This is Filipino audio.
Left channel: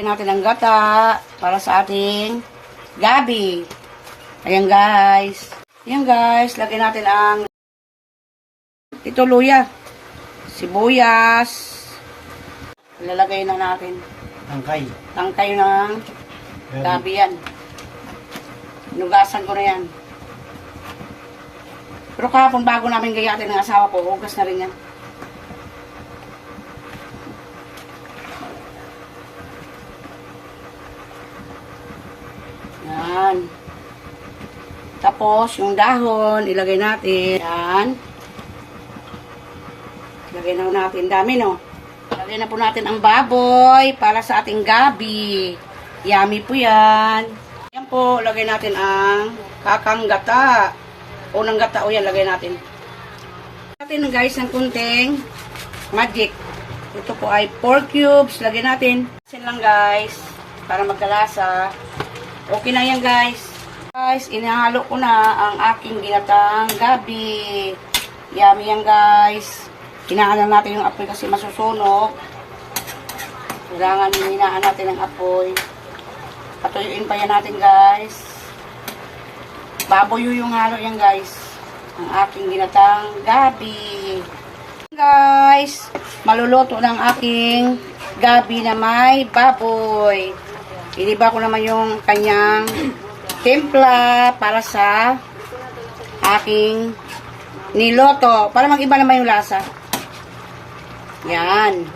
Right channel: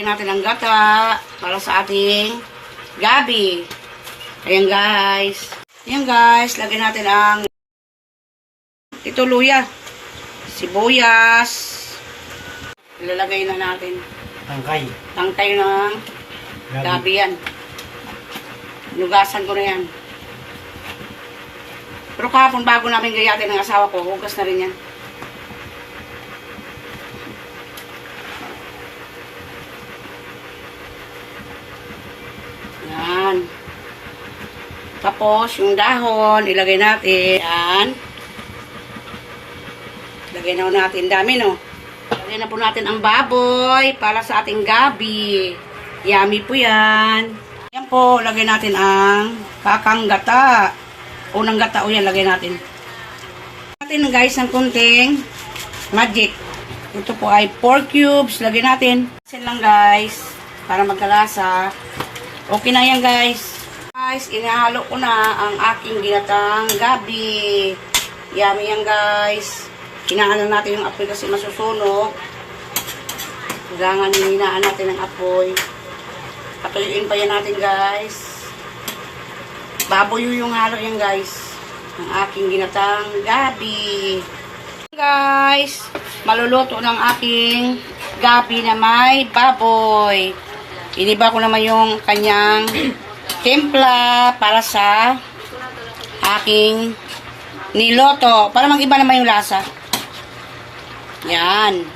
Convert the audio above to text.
Lagyan natin ang gata para sa ating gabi. Ayan guys. Ayan guys, lagyan natin ang ito luya, sibuyas. Ilalagay na natin. Tangkay. Tangkay ng gabi yan. Nugasan ko na yan. Pero kahapon bago namin gayatin ng asawa ko, hugas na rin yan. Yan. Tapos, yung dahon, ilagay natin. Yan. Lagay na natin dami, no? Lagay na po natin ang baboy para sa ating gabi. Yummy po yan. Yan po, lagay natin ang kakang gata. Unang gata o yan, lagay natin. Natin guys ng kunting magic. Ito po ay 4 cubes. Lagay natin. Kasi lang guys, para magkalasa. Okay na yan guys. Guys, inahalo ko na ang aking ginatang gabi. Yummy yan guys. Hinahanan natin yung apoy kasi masusunog. Kailangan hinaan natin ang apoy. Patuyuin pa yan natin guys. Baboy yung halo yan guys. Ang aking ginatang gabi. Guys, maluluto ng aking gabi na may baboy. Iniba ko naman yung kanyang timpla para sa aking niloto. Para mag-iba naman yung lasa. Yan.